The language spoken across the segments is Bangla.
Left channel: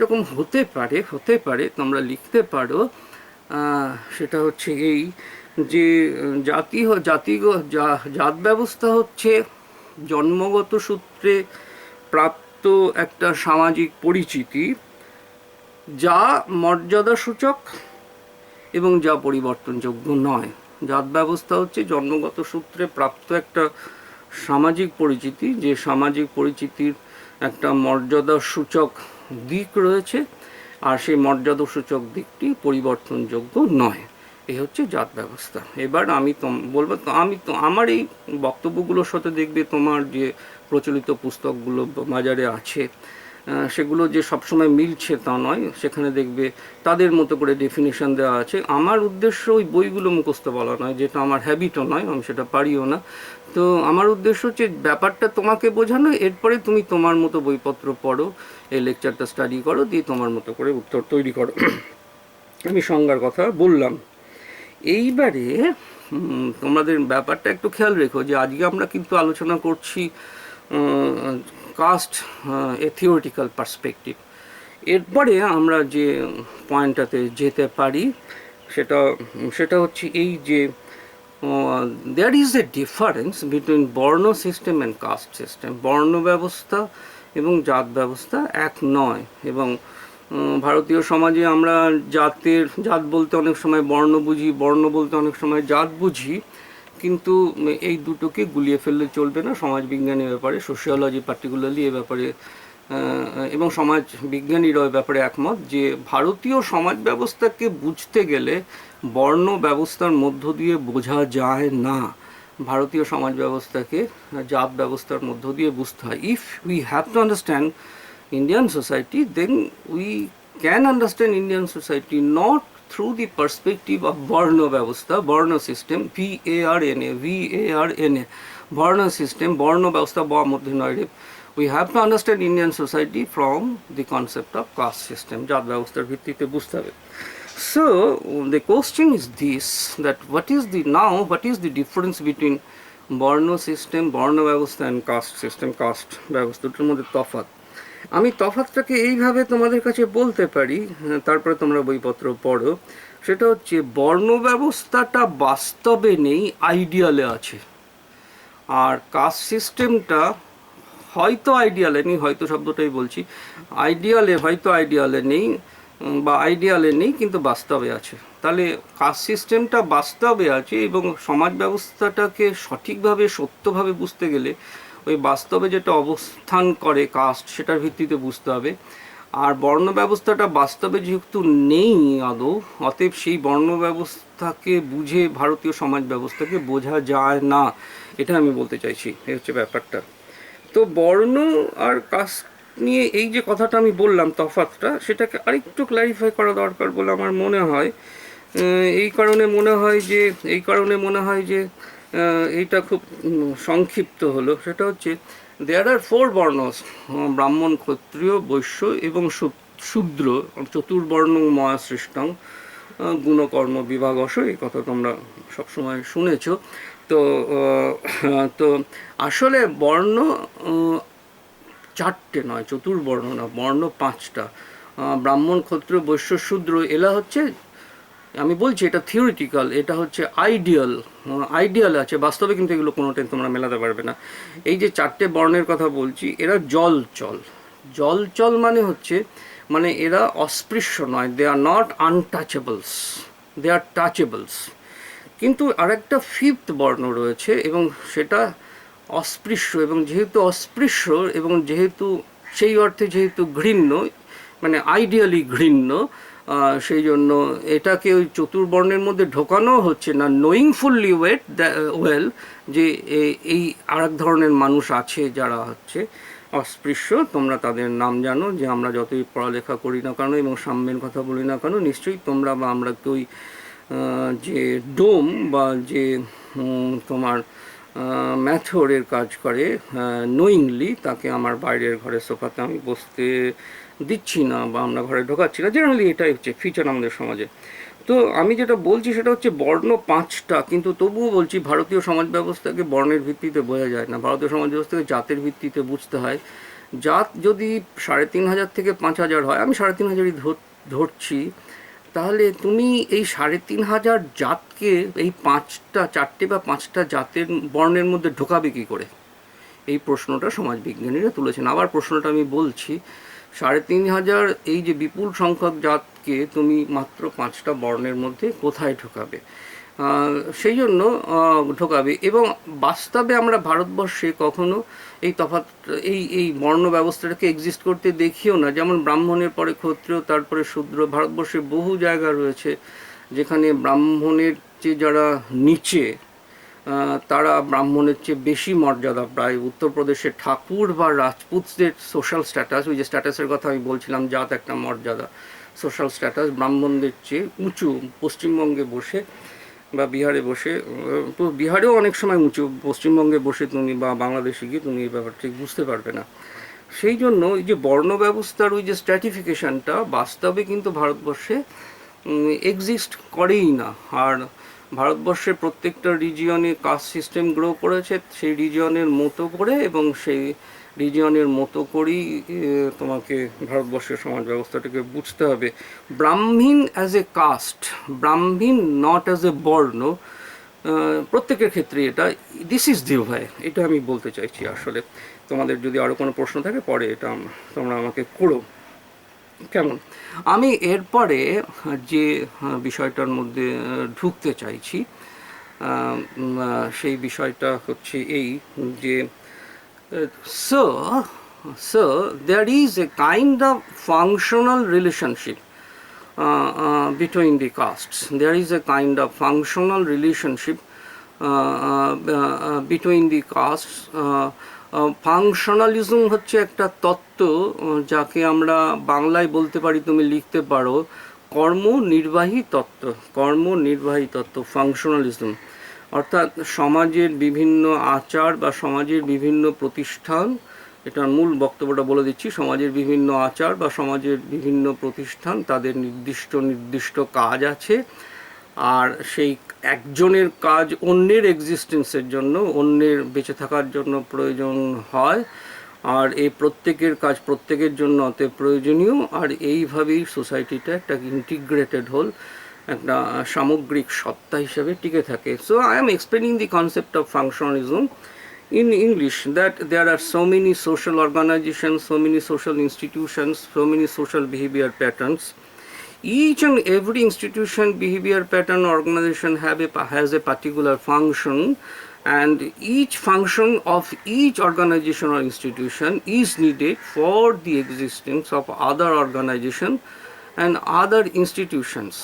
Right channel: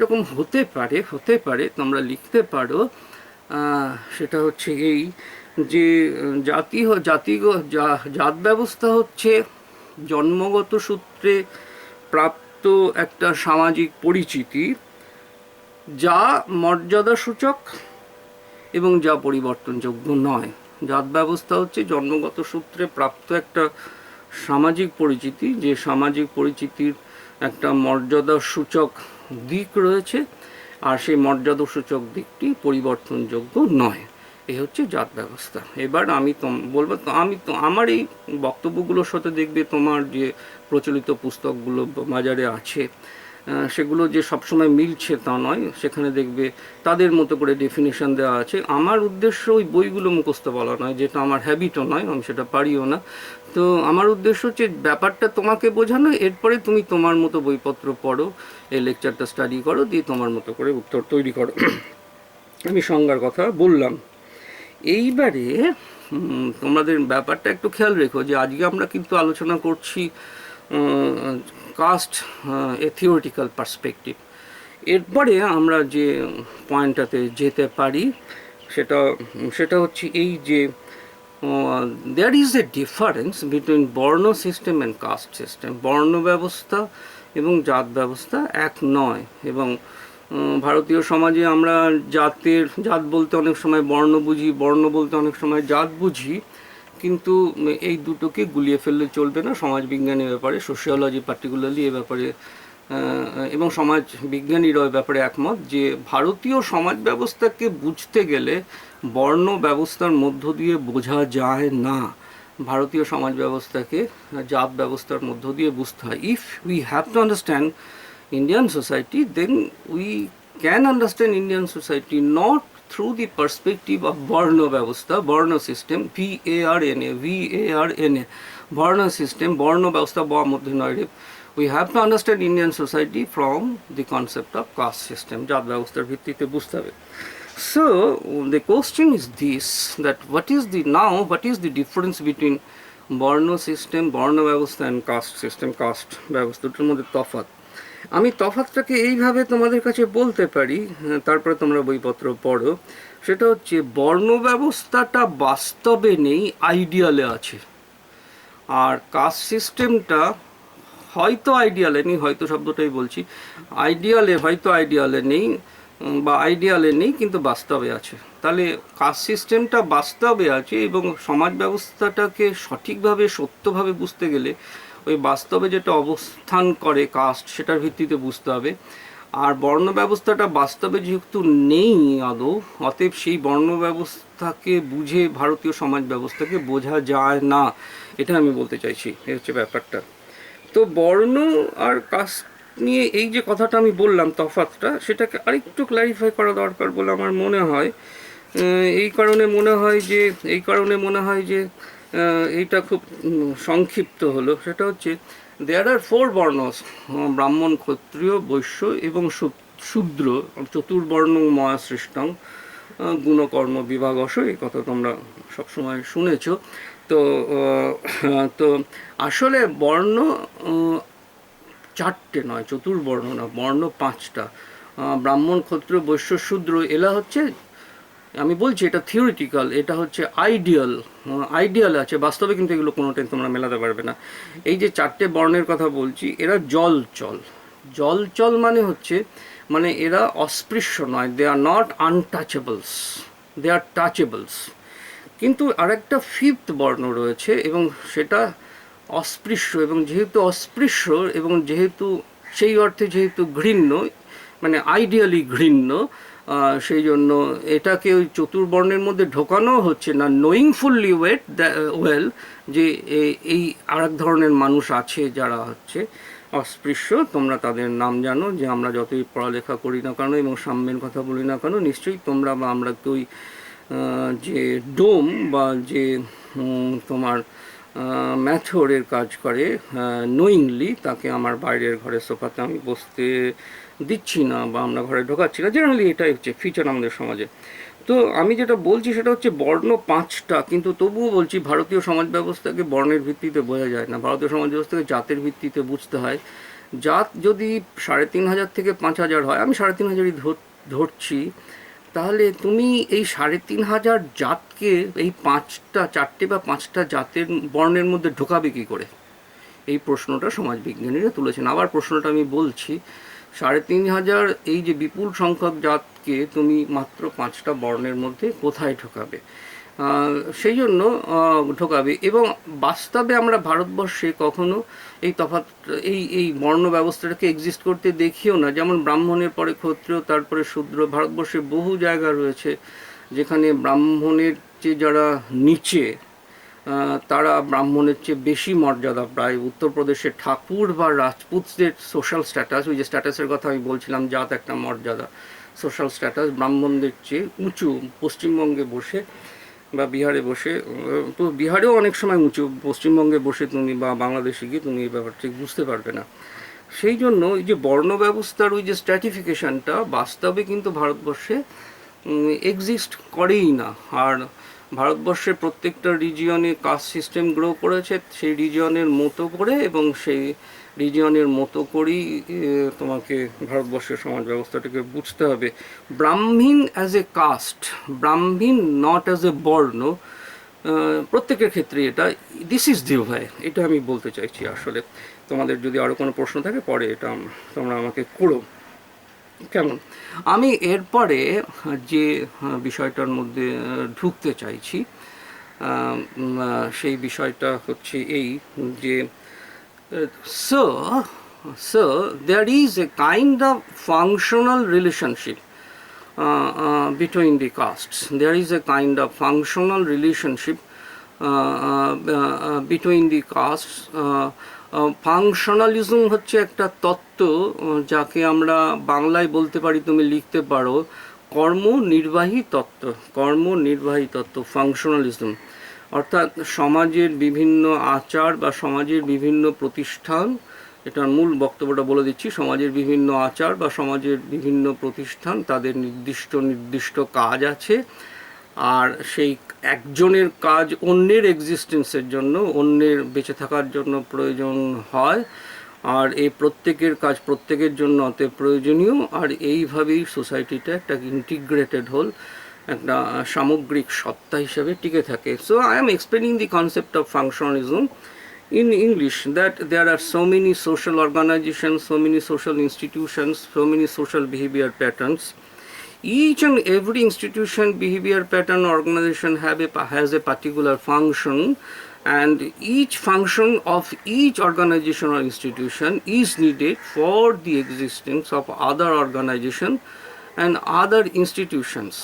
এরকম হতে পারে তোমরা লিখতে পারো। সেটা হচ্ছে এই যে জাত ব্যবস্থা হচ্ছে জন্মগত সূত্রে প্রাপ্ত একটা সামাজিক পরিচিতি, যা মর্যাদাসূচক এবং যা পরিবর্তনযোগ্য নয়। জাত ব্যবস্থা হচ্ছে জন্মগত সূত্রে প্রাপ্ত একটা সামাজিক পরিচিতি, যে সামাজিক পরিচিতির একটা মর্যাদাসূচক দিক রয়েছে, আর সেই মর্যাদাসূচক দিকটি পরিবর্তনযোগ্য নয়। এই হচ্ছে জাত ব্যবস্থা। এবার আমি বলবো, আমার এই বক্তব্যগুলোর সাথে দেখবে তোমার যে প্রচলিত পুস্তকগুলো বাজারে আছে সেগুলো যে সবসময় মিলছে তা নয়, সেখানে দেখবে তাদের মতো করে ডেফিনেশন দেওয়া আছে। আমার উদ্দেশ্য ওই বইগুলো মুখস্থ বলা নয়, যেটা আমার হ্যাবিটও নয়, আমি সেটা পারিও না। তো আমার উদ্দেশ্য হচ্ছে ব্যাপারটা তোমাকে বোঝানো, এরপরে তুমি তোমার মতো বইপত্র পড়ো, এই লেকচারটা স্টাডি করো, দিয়ে তোমার মতো করে উত্তর তৈরি করো। আমি সংজ্ঞার কথা বললাম। এইবারে তোমাদের ব্যাপারটা একটু খেয়াল রেখো যে আজকে আমরা কিন্তু আলোচনা করছি কাস্ট এ থিওরিটিক্যাল পার্সপেক্টিভ। এরপরে আমরা যে পয়েন্টটাতে যেতে পারি সেটা হচ্ছে এই যে there is a difference between varna system and caste system. বর্ণ ব্যবস্থা এবং জাত ব্যবস্থা এক নয়। এবং ভারতীয় সমাজে আমরা জাত বলতে অনেক সময় বর্ণ বুঝি, বর্ণ বলতে অনেক সময় জাত বুঝি, কিন্তু এই দুটোকে গুলিয়ে ফেললে চলবে না। সমাজবিজ্ঞানের ব্যাপারে, সোশিওলজি পার্টিকুলারলি এ ব্যাপারে এবং সমাজ বিজ্ঞানীরা এ ব্যাপারে একমত যে ভারতীয় সমাজ ব্যবস্থাকে বুঝতে গেলে বর্ণ ব্যবস্থার মধ্য দিয়ে বোঝা যায় না। ভারতীয় সমাজ ব্যবস্থাকে জাত ব্যবস্থার মধ্য দিয়ে বুঝতে হয়। If we have to understand Indian society, then we can understand Indian society not through the perspective of Varna Vyavastha, Varna system, Varna, Varna system, Varna Vyavastha, we have to understand Indian society from the concept of caste system, Jat Vyavasthar ভিত্তিতে বুঝতে হবে। So the question is this, that what is the difference between Varna system, Varna Vyavastha and caste system, caste ব্যবস্থা, দুটোর মধ্যে তফাৎ। আমি তফাৎটাকে এইভাবে তোমাদের কাছে বলতে পারি, তারপরে তোমরা বইপত্র পড়ো। সেটা হচ্ছে বর্ণ ব্যবস্থাটা বাস্তবে নেই, আইডিয়ালে আছে। আর কাস্ট সিস্টেমটা হয়তো আইডিয়ালে নেই, হয়তো শব্দটাই বলছি, আইডিয়ালে নেই বা আইডিয়ালে নেই, কিন্তু বাস্তবে আছে। তাহলে কাস্ট সিস্টেমটা বাস্তবে আছে, এবং সমাজ ব্যবস্থাটাকে সঠিকভাবে সত্যভাবে বুঝতে গেলে ওই বাস্তবে যেটা অবস্থান করে কাস্ট, সেটার ভিত্তিতে বুঝতে হবে। আর বর্ণ ব্যবস্থাটা বাস্তবে যেহেতু নেই আদৌ, অতএব সেই বর্ণ ব্যবস্থাকে বুঝে ভারতীয় সমাজ ব্যবস্থাকে বোঝা যায় না, এটা আমি বলতে চাইছি। এই হচ্ছে ব্যাপারটা। তো বর্ণ আর কাস্ট নিয়ে এই যে কথাটা আমি বললাম, তফাৎটা, সেটাকে আরেকটু ক্ল্যারিফাই করা দরকার বলে আমার মনে হয়। এই কারণে মনে হয় যে এইটা খুব সংক্ষিপ্ত হলো। সেটা হচ্ছে দেয়ার আর 4 বর্ণস, ব্রাহ্মণ, ক্ষত্রিয়, বৈশ্য এবং শূদ্র, চতুর্বর্ণ ময়া সৃষ্টং গুণকর্ম বিভাগস, এই কথা তোমরা সবসময় শুনেছ। তো আসলে বর্ণ 4টে নয়, চতুর্বর্ণ না, বর্ণ 5টা। ব্রাহ্মণ, ক্ষত্রিয়, বৈশ্য, শূদ্র, এলা হচ্ছে, আমি বলছি এটা থিওরিটিক্যাল, এটা হচ্ছে আইডিয়াল আছে, বাস্তবে কিন্তু এগুলো কোনোটাই তোমরা মেলাতে পারবে না। এই যে 4টে বর্ণের কথা বলছি, এরা জলচল মানে এরা অস্পৃশ্য নয়, দে আর নট আনটাচেবলস, দে আর টাচেবলস। কিন্তু আরেকটা 5th বর্ণ রয়েছে, এবং সেটা অস্পৃশ্য, এবং যেহেতু অস্পৃশ্য এবং যেহেতু সেই অর্থে যেহেতু ঘৃণ্য, মানে আইডিয়ালি ঘৃণ্য, সেই জন্য এটাকে ওই চতুর্বর্ণের মধ্যে ঢোকানো হচ্ছে না, নোয়িংফুলি ওয়েল যে এই আরেক ধরনের মানুষ আছে যারা হচ্ছে অস্পৃশ্য। তোমরা তাদের নাম জানো, যে আমরা যতই পড়ালেখা করি না কেন এবং সাম্যের কথা বলি না কেন, নিশ্চয়ই তোমরা বা আমরা তো ওই যে ডোম বা যে তোমার ম্যাথরের কাজ করে নোয়িংলি, তাকে আমার বাইরের ঘরে সোফাতে আমি বসতে দিচ্ছি না বা আমরা ঘরে ঢোকাচ্ছি না। জেনারেলি এটাই হচ্ছে ফিচার আমাদের সমাজে। তো আমি যেটা বলছি সেটা হচ্ছে বর্ণ 5টা, কিন্তু তবুও বলছি ভারতীয় সমাজ ব্যবস্থাকে বর্ণের ভিত্তিতে বোঝা যায় না, ভারতীয় সমাজ ব্যবস্থাকে জাতের ভিত্তিতে বুঝতে হয়। জাত যদি 3,500 থেকে 5,000 হয়, আমি 3,500ই ধরছি, তাহলে তুমি এই 3,500 জাতকে এই 4টে বা 5টা জাতের বর্ণের মধ্যে ঢোকাবে কী করে? এই প্রশ্নটা সমাজবিজ্ঞানীরা তুলেছেন। আবার প্রশ্নটা আমি বলছি, 3,500 এই যে বিপুল সংখ্যক জাতকে তুমি মাত্র 5টা বর্ণের মধ্যে কোথায় ঢোকাবে? সেই জন্য ঢোকাবে। এবং বাস্তবে আমরা ভারতবর্ষে কখনো এই তফাৎ এই বর্ণ ব্যবস্থাটাকে এক্সিস্ট করতে দেখিও না। যেমন ব্রাহ্মণের পরে ক্ষত্রিয়, তারপরে শূদ্র। ভারতবর্ষে বহু জায়গা রয়েছে যেখানে ব্রাহ্মণের চেয়ে যারা নিচে তারা ব্রাহ্মণের চেয়ে বেশি মর্যাদা প্রায়। উত্তরপ্রদেশের ঠাকুর বা রাজপুতদের সোশ্যাল স্ট্যাটাস, ওই যে স্ট্যাটাসের কথা আমি বলছিলাম, জাত একটা মর্যাদা, সোশ্যাল স্ট্যাটাস ব্রাহ্মণদের চেয়ে উঁচু। পশ্চিমবঙ্গে বসে বা বিহারে বসে, বিহারেও অনেক সময় উঁচু, পশ্চিমবঙ্গে বসে তুমি বা বাংলাদেশে গিয়ে তুমি এই ব্যাপারটা ঠিক বুঝতে পারবে না। সেই জন্য এই যে বর্ণ ব্যবস্থার ওই যে স্ট্র্যাটিফিকেশনটা বাস্তবে কিন্তু ভারতবর্ষে এক্সিস্ট করেই না। আর ভারতবর্ষের প্রত্যেকটা রিজিয়নে কাস্ট সিস্টেম গ্রো করেছে সেই রিজিয়নের মতো করে, এবং সেই রিজিয়নের মতো করেই তোমাকে ভারতবর্ষের সমাজ ব্যবস্থাটাকে বুঝতে হবে। Brahmin as a caste, Brahmin not as a varna, প্রত্যেকের ক্ষেত্রে এটা দিস ইজ দি ওয়ে, এটা আমি বলতে চাইছি। আসলে তোমাদের যদি আরও কোনো প্রশ্ন থাকে পরে এটা তোমরা আমাকে করো, কেমন? আমি এরপরে যে বিষয়টার মধ্যে ঢুকতে চাইছি সেই বিষয়টা হচ্ছে এই যে so there is a kind of functional relationship between the castes. There is a kind of functional relationship between the castes. Functionalism হচ্ছে একটা তত্ত্ব যাকে আমরা বাংলায় বলতে পারি, তুমি লিখতে পারো কর্মনির্বাহী তত্ত্ব। কর্মনির্বাহী তত্ত্ব, ফাংশনালিজম, অর্থাৎ সমাজের বিভিন্ন আচার বা সমাজের বিভিন্ন প্রতিষ্ঠান, এটার মূল বক্তব্যটা বলে দিচ্ছি, সমাজের বিভিন্ন আচার বা সমাজের বিভিন্ন প্রতিষ্ঠান, তাদের নির্দিষ্ট কাজ আছে, আর সেই একজনের কাজ অন্যের এক্সিস্টেন্সের জন্য, অন্যের বেঁচে থাকার জন্য প্রয়োজন হয়, আর এই প্রত্যেকের কাজ প্রত্যেকের জন্য অতএব প্রয়োজনীয়। আর এইভাবেই সোসাইটিটা একটা ইন্টিগ্রেটেড হোল, একটা সামগ্রিক সত্তা হিসেবে টিকে থাকে। So I am explaining the concept of functionalism in English, that there are so many social organizations, so many social institutions, so many social behavior patterns. Each and every institution, behavior pattern, organization has a particular function, and each function of each organization or institution is needed for the existence of other organization and other institutions.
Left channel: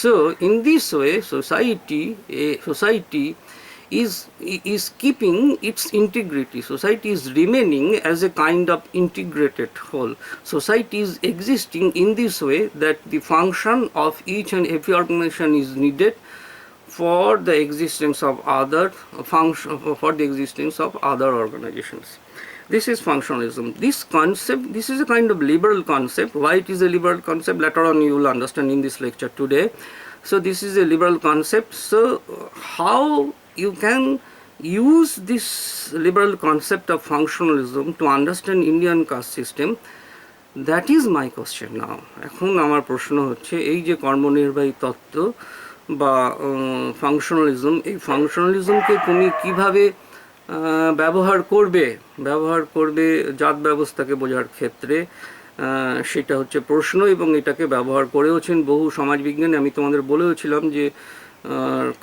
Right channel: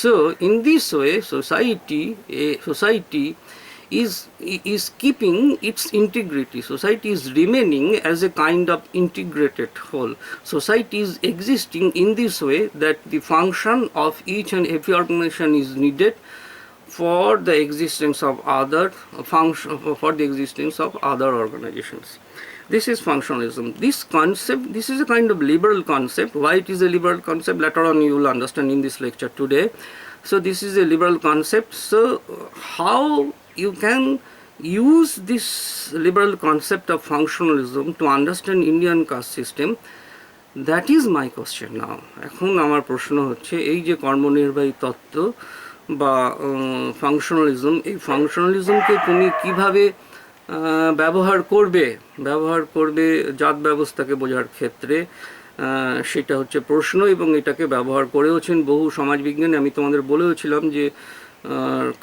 So in this way, society is keeping its integrity. Society is remaining as a kind of integrated whole. Society is existing in this way that the function of each and every organization is needed for the existence of other organizations. This is functionalism. This concept, this is a kind of liberal concept. Why it is a liberal concept, later on you will understand in this lecture today. So this is a liberal concept. So how you can use this liberal concept of functionalism to understand Indian caste system, that is my question now. এখন আমার প্রশ্ন হচ্ছে, এই যে কর্মনির্বাহী তত্ত্ব বা ফাংশনালিজম, এই ফাংশনালিজমকে তুমি কিভাবে ব্যবহার করবে জাত ব্যবস্থাকে বোঝার ক্ষেত্রে, সেটা হচ্ছে প্রশ্ন। এবং এটাকে ব্যবহার করেওছেন বহু সমাজবিজ্ঞানী। আমি তোমাদের বলেওছিলাম যে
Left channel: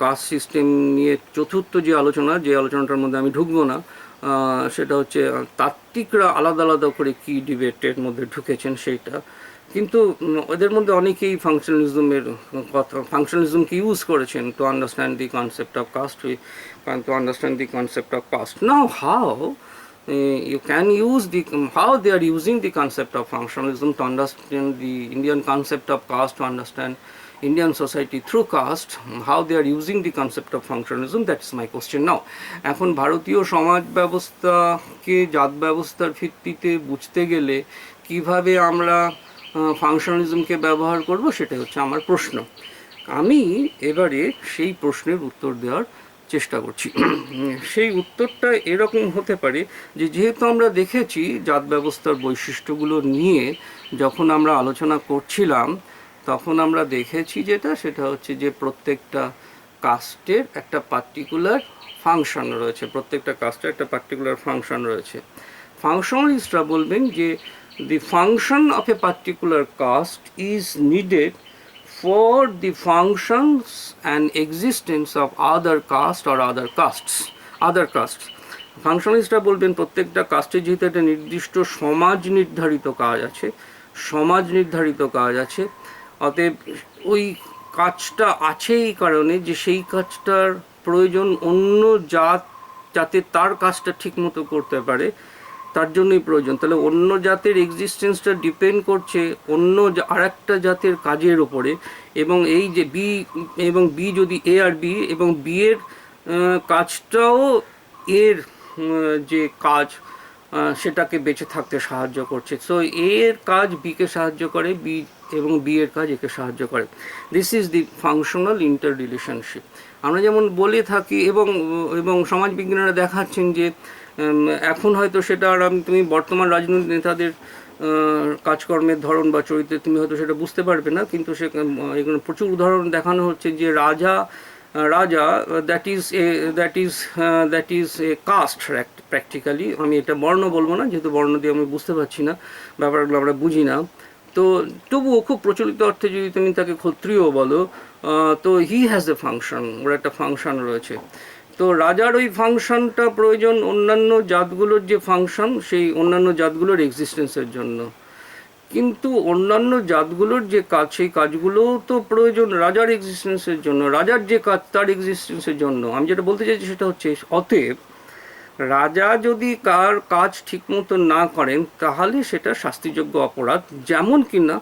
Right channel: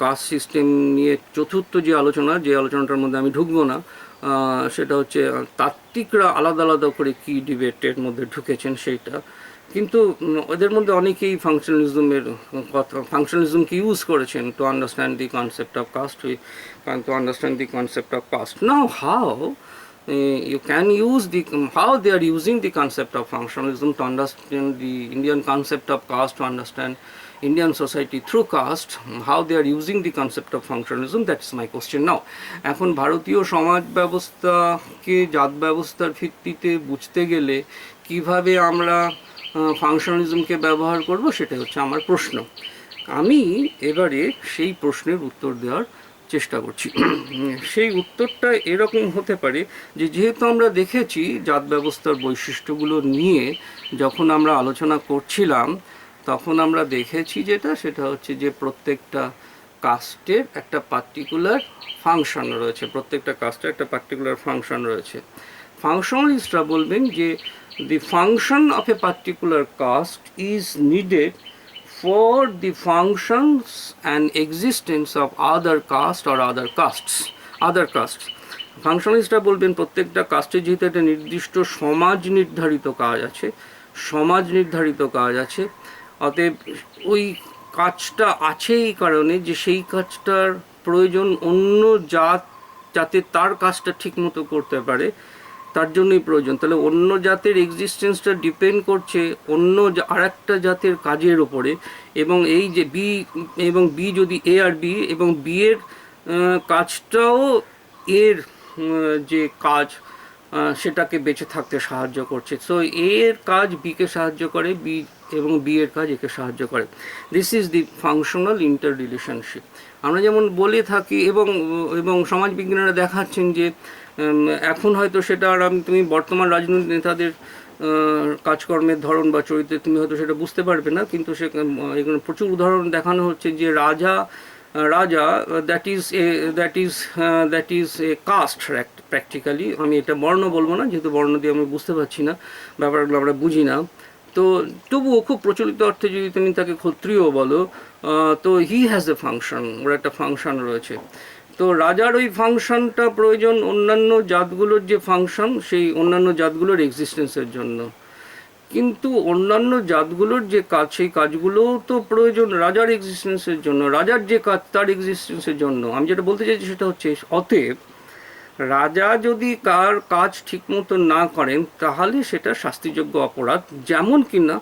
কাস্ট সিস্টেম নিয়ে চতুর্থ যে আলোচনাটার মধ্যে আমি ঢুকবো না, সেটা হচ্ছে তাত্ত্বিকরা আলাদা আলাদা করে কি ডিবেটের মধ্যে ঢুকেছেন সেইটা, কিন্তু ওদের মধ্যে অনেকেই ফাংশনালিজমকে ইউজ করেছেন to understand the concept of caste. Now how you can use how they are using the concept of functionalism to understand the Indian concept of caste, to understand Indian society through caste, how they are using the concept of functionalism, that is my question now. এখন ভারতীয় সমাজ ব্যবস্থাকে জাত ব্যবস্থার ভিত্তিতে বুঝতে গেলে কিভাবে আমরা ফাংশনালিজমকে ব্যবহার করব, সেটা হচ্ছে আমার প্রশ্ন। আমি এবারে সেই প্রশ্নের উত্তর দেওয়ার চেষ্টা করছি। সেই উত্তরটা এরকম হতে পারে যে যেহেতু আমরা দেখেছি জাত ব্যবস্থার বৈশিষ্ট্যগুলো নিয়ে যখন আমরা আলোচনা করছিলাম, তখন আমরা দেখেছি সেটা হচ্ছে যে প্রত্যেকটা কাস্টের একটা পার্টিকুলার ফাংশন রয়েছে, প্রত্যেকটা কাস্টের একটা পার্টিকুলার ফাংশন রয়েছে। ফাংশনালিস্টরা বলবেন যে the function of a particular caste is needed for the functions and existence of other caste or other castes. ফাংশনালিস্টরা বলবেন প্রত্যেকটা কাস্টে যেহেতু একটা নির্দিষ্ট সমাজ নির্ধারিত কাজ আছে, অতএব ওই কাজটা আছে এই কারণে যে সেই কাজটার প্রয়োজন অন্য জাত যাতে তার কাজটা ঠিকমতো করতে পারে, তার জন্যই প্রয়োজন। তাহলে অন্য জাতের এক্সিস্টেন্সটা ডিপেন্ড করছে অন্য আরেকটা জাতের কাজের ওপরে, এবং এই যে বি যদি এ আর বি, এবং বি এর কাজটাও এর যে কাজ সেটাকে বেঁচে থাকতে সাহায্য করছে। সো এর কাজ বিকে সাহায্য করে, বি এবং বি এর কাজ একে সাহায্য করে। This is the functional inter relationship. আমরা যেমন বলে থাকি, এবং সমাজবিজ্ঞানীরা দেখাচ্ছেন যে এখন হয়তো সেটা আর তুমি বর্তমান রাজনৈতিক নেতাদের কাজকর্মের ধরন বা চরিত্রে তুমি হয়তো সেটা বুঝতে পারবে না, কিন্তু এখানে প্রচুর উদাহরণ দেখানো হচ্ছে যে রাজা that is a caste practically. আমি এটা বর্ণ বলবো না, যেহেতু বর্ণ দিয়ে আমি বুঝতে পারছি না, ব্যাপারগুলো আমরা বুঝি না। তো তবুও খুব প্রচলিত অর্থে যদি তুমি তাকে ক্ষত্রিয় বলো, তো হি হ্যাজ এ ফাংশন, ওর একটা ফাংশন রয়েছে। তো রাজার ওই ফাংশনটা প্রয়োজন অন্যান্য জাতগুলোর যে ফাংশন, সেই অন্যান্য জাতগুলোর এক্সিস্টেন্সের জন্য। কিন্তু অন্যান্য জাতগুলোর যে কাজ, সেই কাজগুলোও তো প্রয়োজন রাজার এক্সিস্টেন্সের জন্য, রাজার যে কাজ তার এক্সিস্টেন্সের জন্য। আমি যেটা বলতে চাইছি সেটা হচ্ছে, অতএব রাজা যদি কার কাজ ঠিকমতো না করেন তাহলে সেটা শাস্তিযোগ্য অপরাধ, যেমন কিনা